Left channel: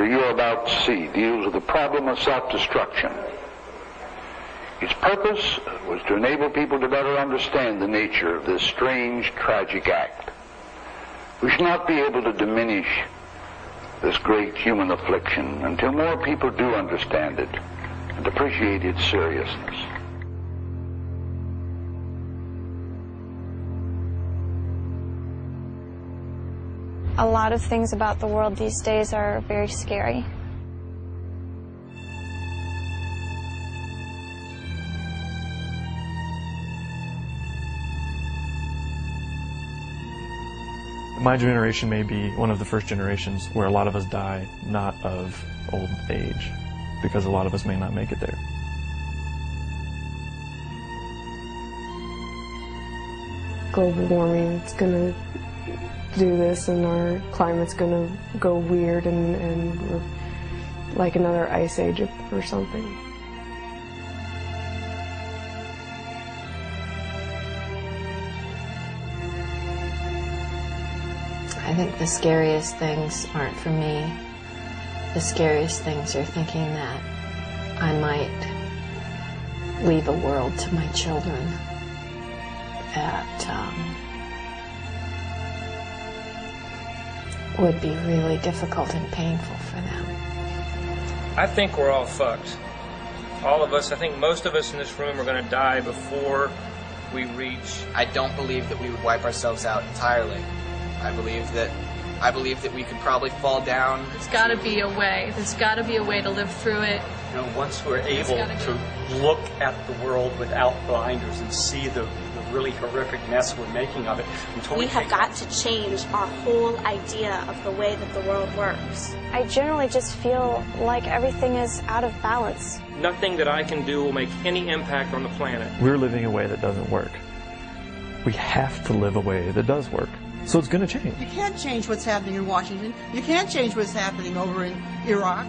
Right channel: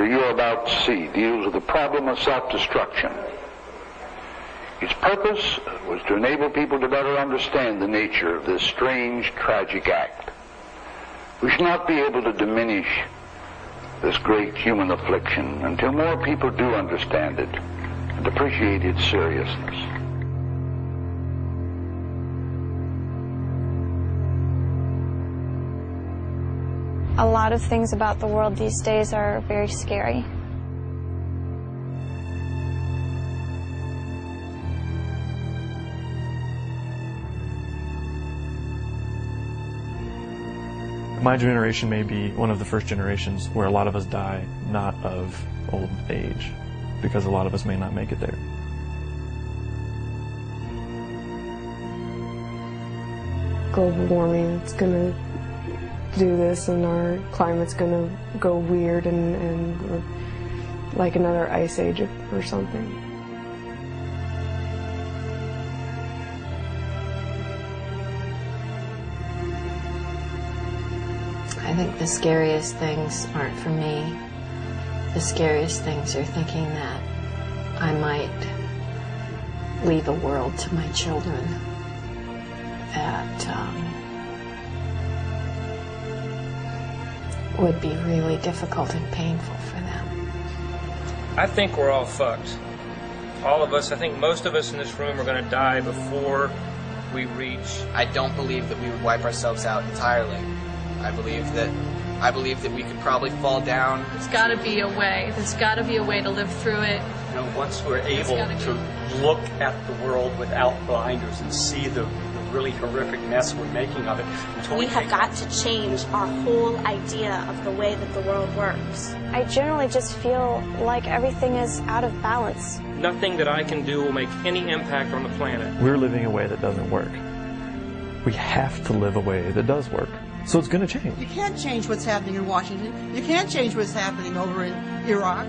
lecture you're about to see deals with the problem of self-destruction. Its purpose was to enable people to better understand the nature of this strange, tragic act. We shall not be able to diminish this great human affliction until more people do understand it and appreciate its seriousness. A lot of things about the world these days are very scary. My generation may be one of the first generations where a lot of us die not of old age, because a lot of us may not make it there. Global warming, it's going to do this, and our climate's going to go weird and like another ice age or something. I think the scariest things aren't for me. The scariest things are thinking that I might leave a world to my children that would be really difficult and painful for them. I think we're all fucked. All of us. I think most of us in this room are going to die before we reach. I don't believe that we would wipe ourselves out entirely. I believe that we could probably fall down. There's got to be a way. There's got to be a way to live through it. You know, once we're able to look at the world without blinders and see the really horrific mess we're making of it. We have got to change our whole idea of the way that the world works. I generally just feel like everything is out of balance. Nothing that I can do will make any impact on the planet. We're living a way that doesn't work. We have to live a way that does work. So it's going to change. You can't change what's happening in Washington. You can't change what's happening over in Iraq.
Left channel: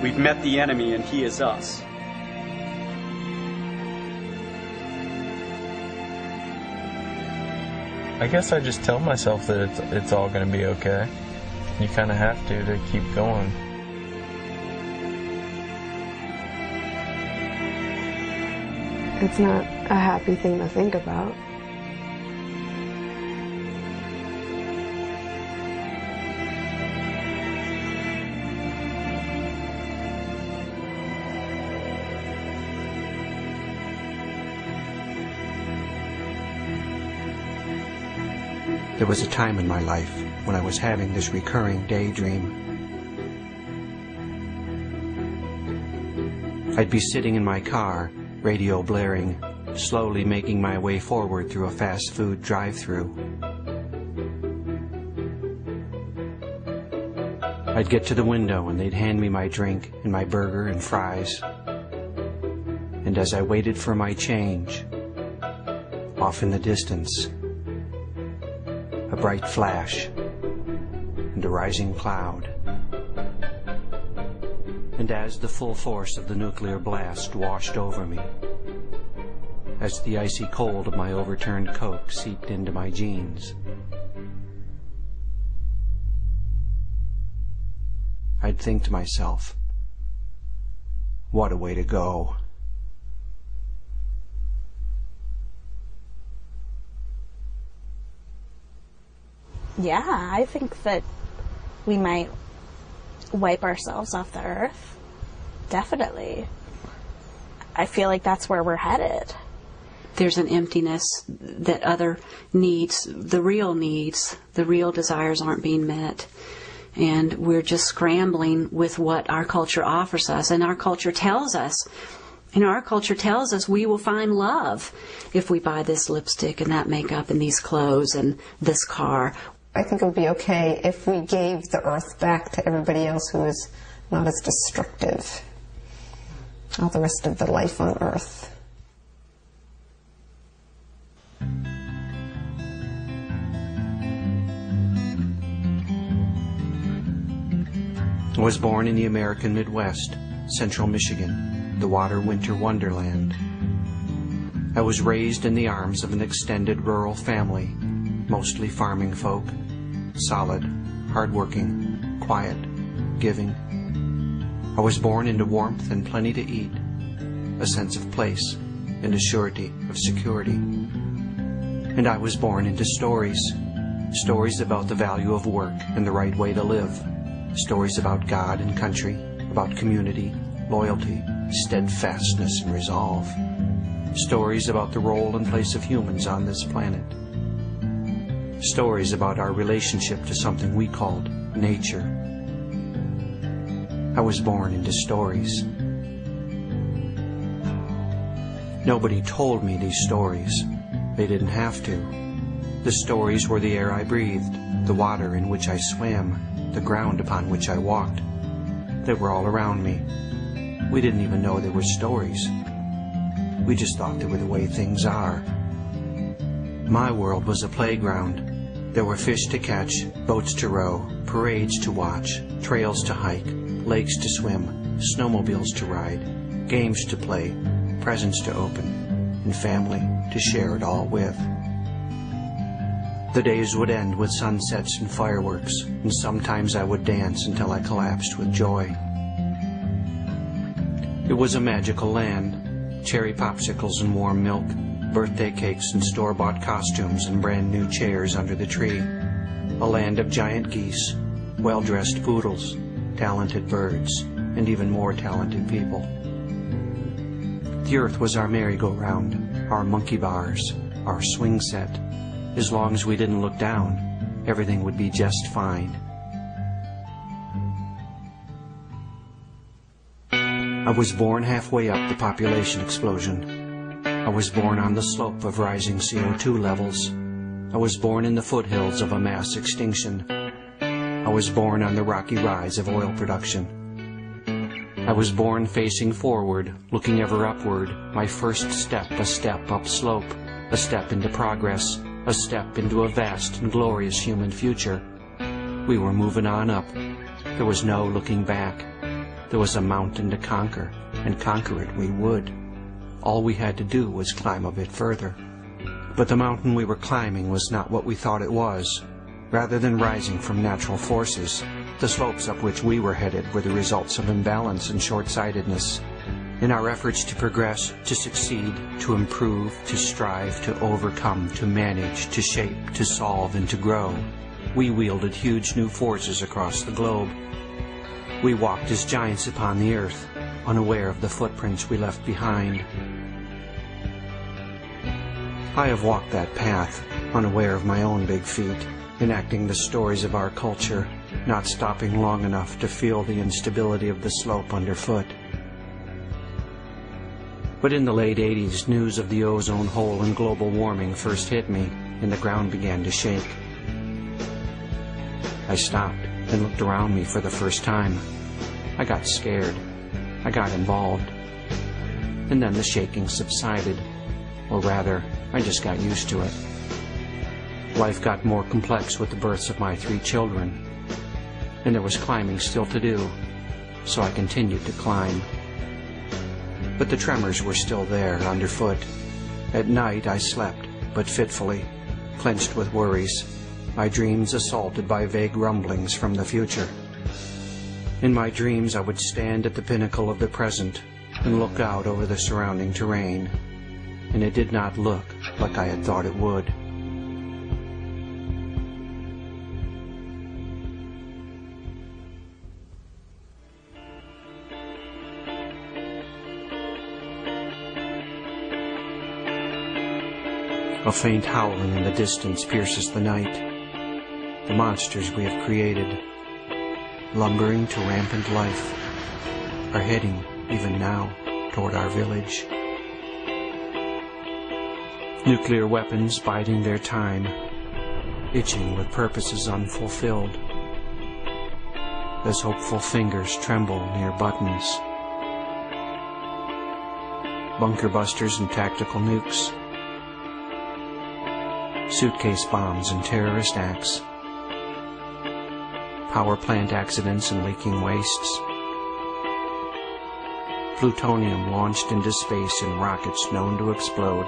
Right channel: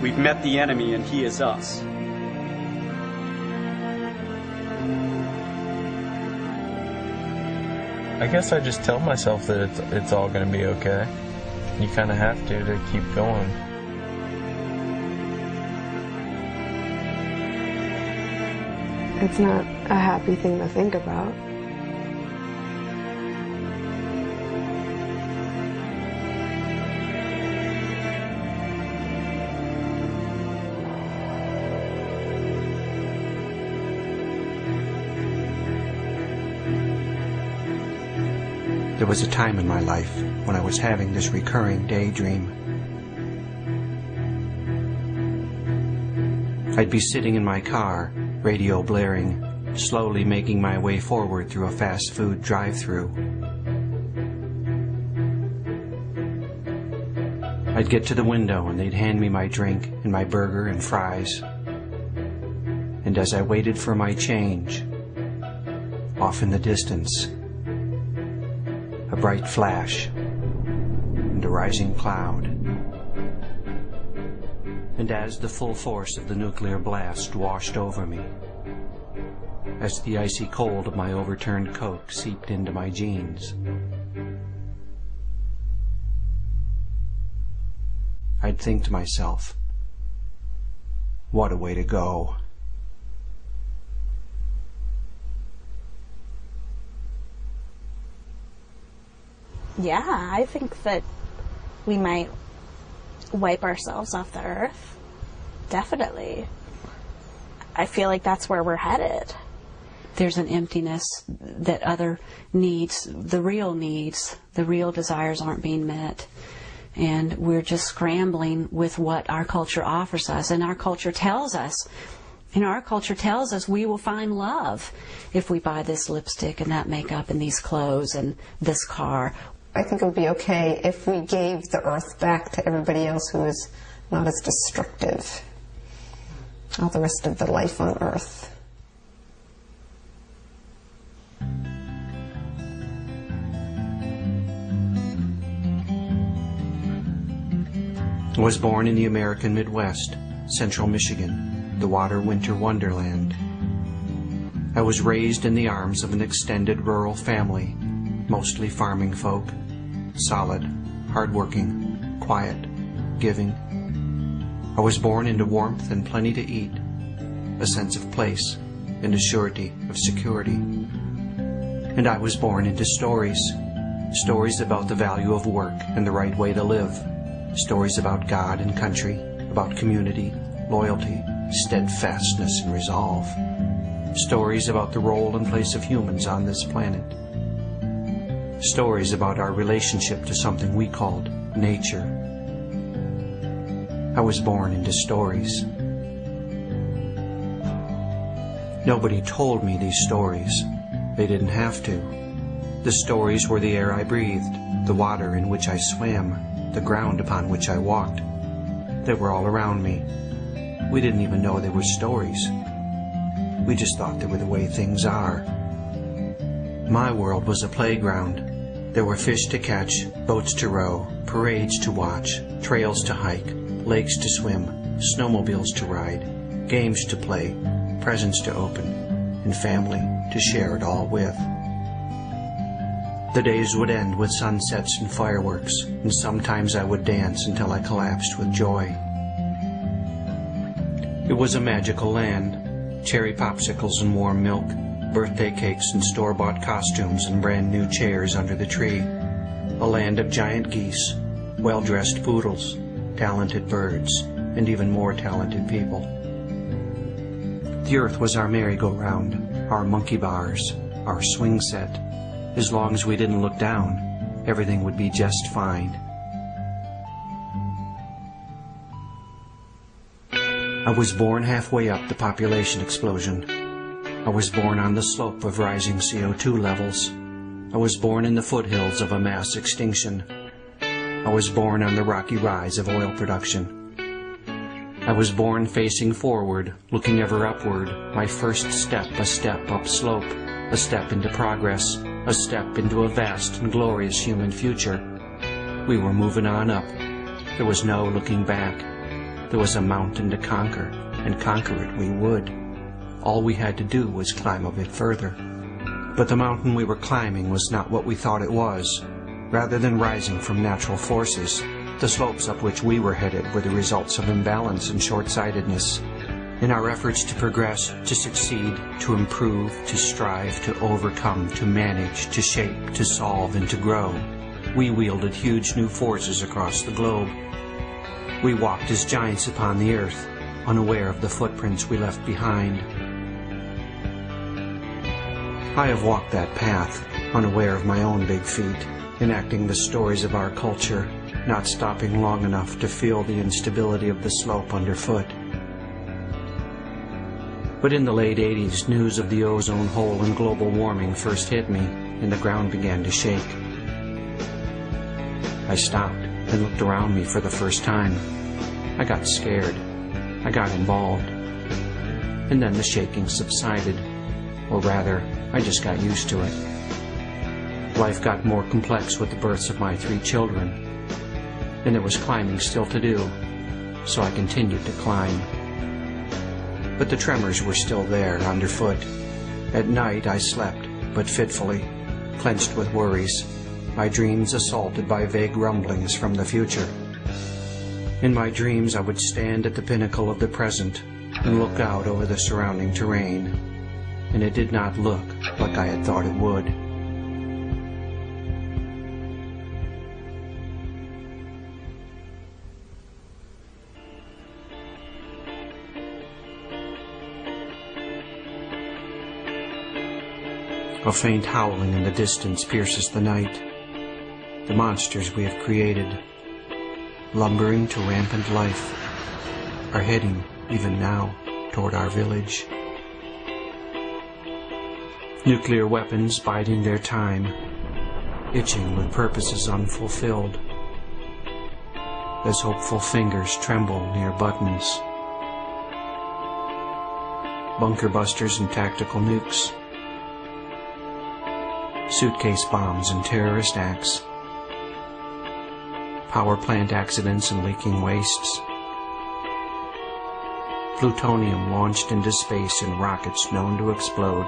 We've met the enemy and he is us. I guess I just tell myself that it's all going to be okay. You kind of have to keep going. It's not a happy thing to think about. There was a time in my life when I was having this recurring daydream. I'd be sitting in my car, radio blaring, slowly making my way forward through a fast food drive-thru. I'd get to the window and they'd hand me my drink and my burger and fries. And as I waited for my change, off in the distance, a bright flash and a rising cloud. And as the full force of the nuclear blast washed over me, as the icy cold of my overturned Coke seeped into my jeans, I'd think to myself, what a way to go. Yeah, I think that we might wipe ourselves off the earth. Definitely. I feel like that's where we're headed. There's an emptiness that other needs, the real desires aren't being met. And we're just scrambling with what our culture offers us. And our culture tells us, we will find love if we buy this lipstick and that makeup and these clothes and this car. I think it would be okay if we gave the earth back to everybody else who is not as destructive. All the rest of the life on earth. I was born in the American Midwest, central Michigan, the water-winter wonderland. I was raised in the arms of an extended rural family, mostly farming folk, solid, hardworking, quiet, giving. I was born into warmth and plenty to eat, a sense of place and a surety of security. And I was born into stories, stories about the value of work and the right way to live, stories about God and country, about community, loyalty, steadfastness, and resolve, stories about the role and place of humans on this planet, stories about our relationship to something we called nature. I was born into stories. Nobody told me these stories. They didn't have to. The stories were the air I breathed, the water in which I swam, the ground upon which I walked. They were all around me. We didn't even know they were stories. We just thought they were the way things are. My world was a playground. There were fish to catch, boats to row, parades to watch, trails to hike, lakes to swim, snowmobiles to ride, games to play, presents to open, and family to share it all with. The days would end with sunsets and fireworks, and sometimes I would dance until I collapsed with joy. It was a magical land, cherry popsicles and warm milk, birthday cakes and store-bought costumes and brand-new chairs under the tree. A land of giant geese, well-dressed poodles, talented birds, and even more talented people. The earth was our merry-go-round, our monkey bars, our swing set. As long as we didn't look down, everything would be just fine. I was born halfway up the population explosion. I was born on the slope of rising CO2 levels. I was born in the foothills of a mass extinction. I was born on the rocky rise of oil production. I was born facing forward, looking ever upward, my first step a step upslope, a step into progress, a step into a vast and glorious human future. We were moving on up. There was no looking back. There was a mountain to conquer, and conquer it we would. All we had to do was climb a bit further. But the mountain we were climbing was not what we thought it was. Rather than rising from natural forces, the slopes up which we were headed were the results of imbalance and short-sightedness. In our efforts to progress, to succeed, to improve, to strive, to overcome, to manage, to shape, to solve, and to grow, we wielded huge new forces across the globe. We walked as giants upon the earth, unaware of the footprints we left behind. I have walked that path, unaware of my own big feet, enacting the stories of our culture, not stopping long enough to feel the instability of the slope underfoot. But in the late 80s, news of the ozone hole and global warming first hit me, and the ground began to shake. I stopped and looked around me for the first time. I got scared. I got involved. And then the shaking subsided. Or rather, I just got used to it. Life got more complex with the births of my 3 children. And there was climbing still to do, so I continued to climb. But the tremors were still there underfoot. At night I slept, but fitfully, clenched with worries, my dreams assaulted by vague rumblings from the future. In my dreams I would stand at the pinnacle of the present and look out over the surrounding terrain, and it did not look like I had thought it would. A faint howling in the distance pierces the night. The monsters we have created, lumbering to rampant life, are heading, even now, toward our village. Nuclear weapons biding their time, itching with purposes unfulfilled, as hopeful fingers tremble near buttons. Bunker busters and tactical nukes, suitcase bombs and terrorist acts, power plant accidents and leaking wastes. Plutonium launched into space in rockets known to explode.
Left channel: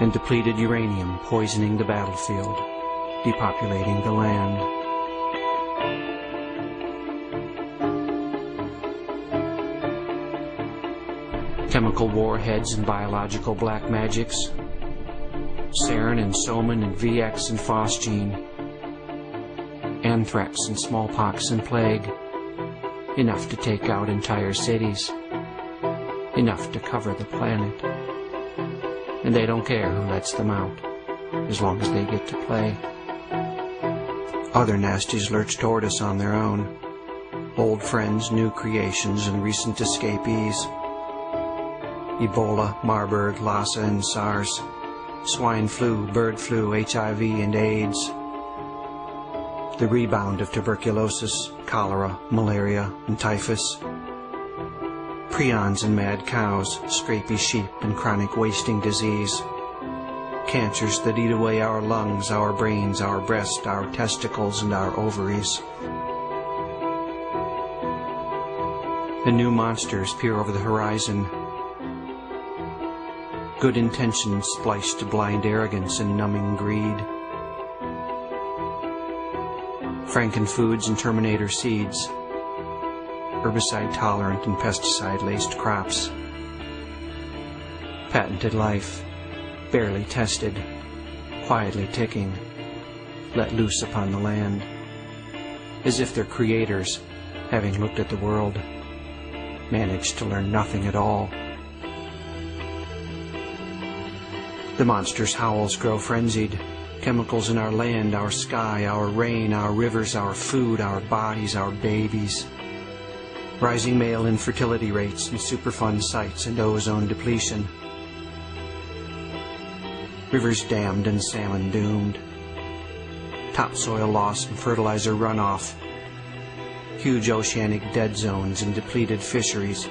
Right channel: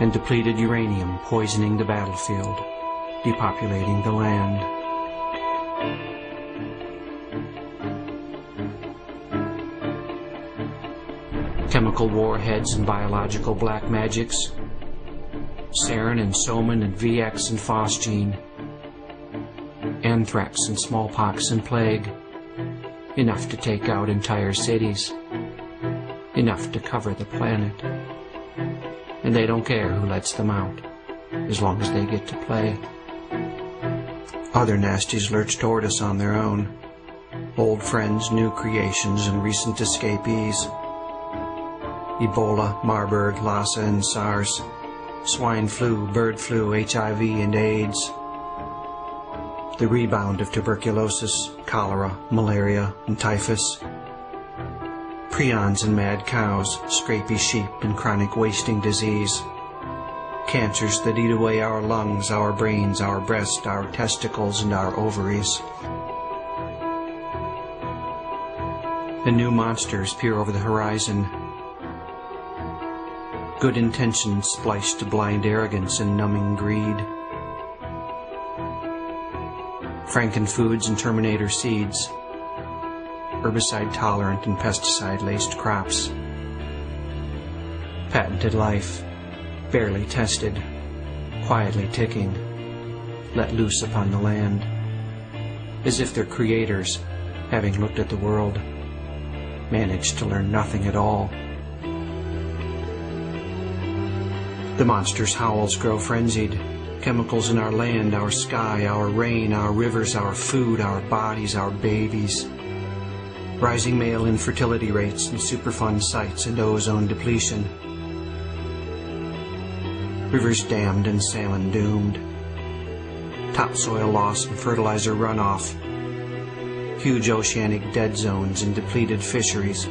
And depleted uranium poisoning the battlefield, depopulating the land. Chemical warheads and biological black magics, sarin and soman and VX and phosgene, anthrax and smallpox and plague, enough to take out entire cities, enough to cover the planet. And they don't care who lets them out, as long as they get to play. Other nasties lurch toward us on their own, old friends, new creations, and recent escapees. Ebola, Marburg, Lassa, and SARS, swine flu, bird flu, HIV, and AIDS. The rebound of tuberculosis, cholera, malaria, and typhus. Prions and mad cows, scrapy sheep, and chronic wasting disease. Cancers that eat away our lungs, our brains, our breast, our testicles, and our ovaries. And new monsters peer over the horizon. Good intentions spliced to blind arrogance and numbing greed. Frankenfoods and Terminator seeds. Herbicide-tolerant and pesticide-laced crops. Patented life, barely tested, quietly ticking, let loose upon the land, as if their creators, having looked at the world, managed to learn nothing at all. The monster's howls grow frenzied. Chemicals in our land, our sky, our rain, our rivers, our food, our bodies, our babies. Rising male infertility rates and Superfund sites and ozone depletion. Rivers dammed and salmon doomed. Topsoil loss and fertilizer runoff. Huge oceanic dead zones and depleted fisheries.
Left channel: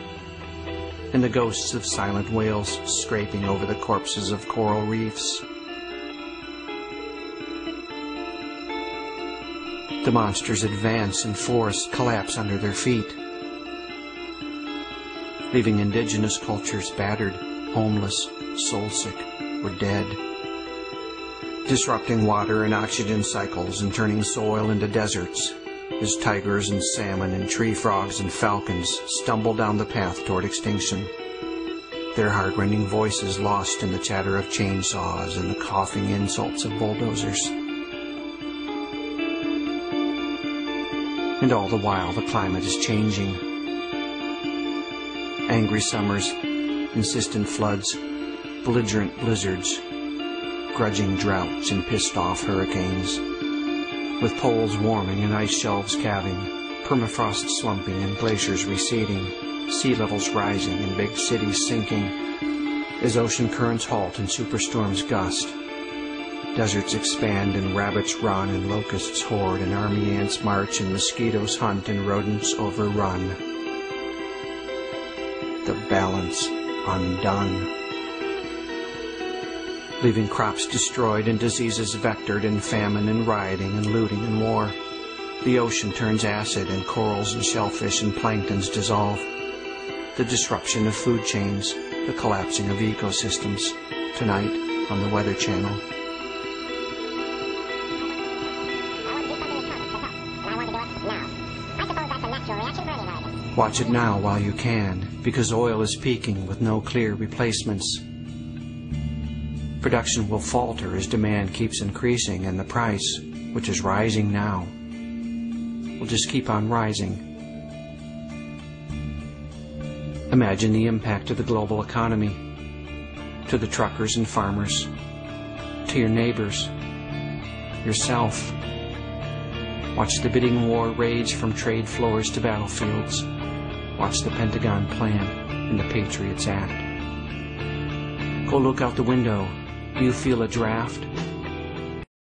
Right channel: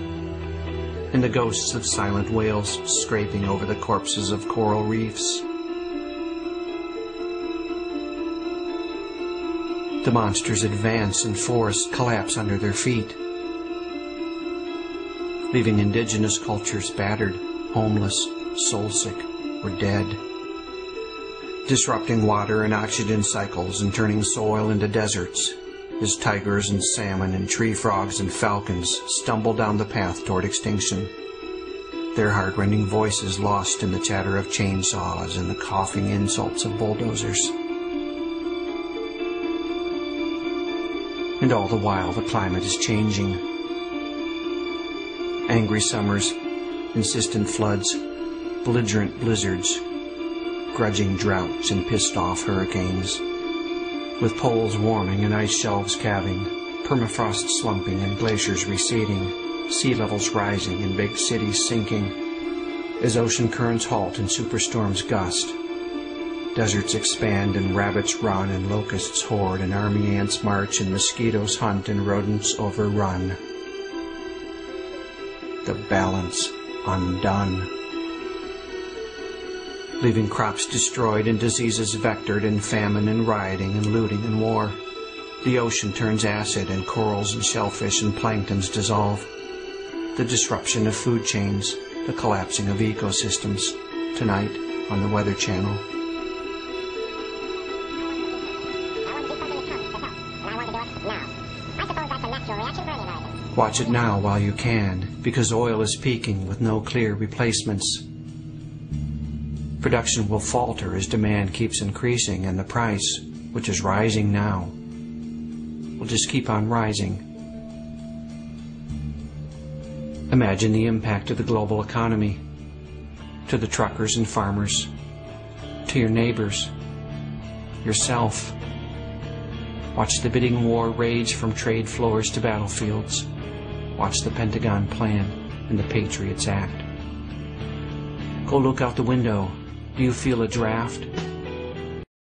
And the ghosts of silent whales scraping over the corpses of coral reefs. The monsters advance and forests collapse under their feet, leaving indigenous cultures battered, homeless, soul-sick, or dead. Disrupting water and oxygen cycles and turning soil into deserts as tigers and salmon and tree frogs and falcons stumble down the path toward extinction, their heart-rending voices lost in the chatter of chainsaws and the coughing insults of bulldozers. And all the while the climate is changing. Angry summers, insistent floods, belligerent blizzards, grudging droughts and pissed-off hurricanes, with poles warming and ice shelves calving, permafrost slumping and glaciers receding, sea levels rising and big cities sinking, as ocean currents halt and superstorms gust, deserts expand and rabbits run and locusts hoard and army ants march and mosquitoes hunt and rodents overrun. The balance undone. Leaving crops destroyed and diseases vectored and famine and rioting and looting and war. The ocean turns acid and corals and shellfish and planktons dissolve. The disruption of food chains, the collapsing of ecosystems. Tonight on the Weather Channel. Watch it now while you can, because oil is peaking with no clear replacements. Production will falter as demand keeps increasing, and the price, which is rising now, will just keep on rising. Imagine the impact of the global economy, to the truckers and farmers, to your neighbors, yourself. Watch the bidding war rage from trade floors to battlefields. Watch the Pentagon plan and the Patriots Act. Go look out the window. Do you feel a draft?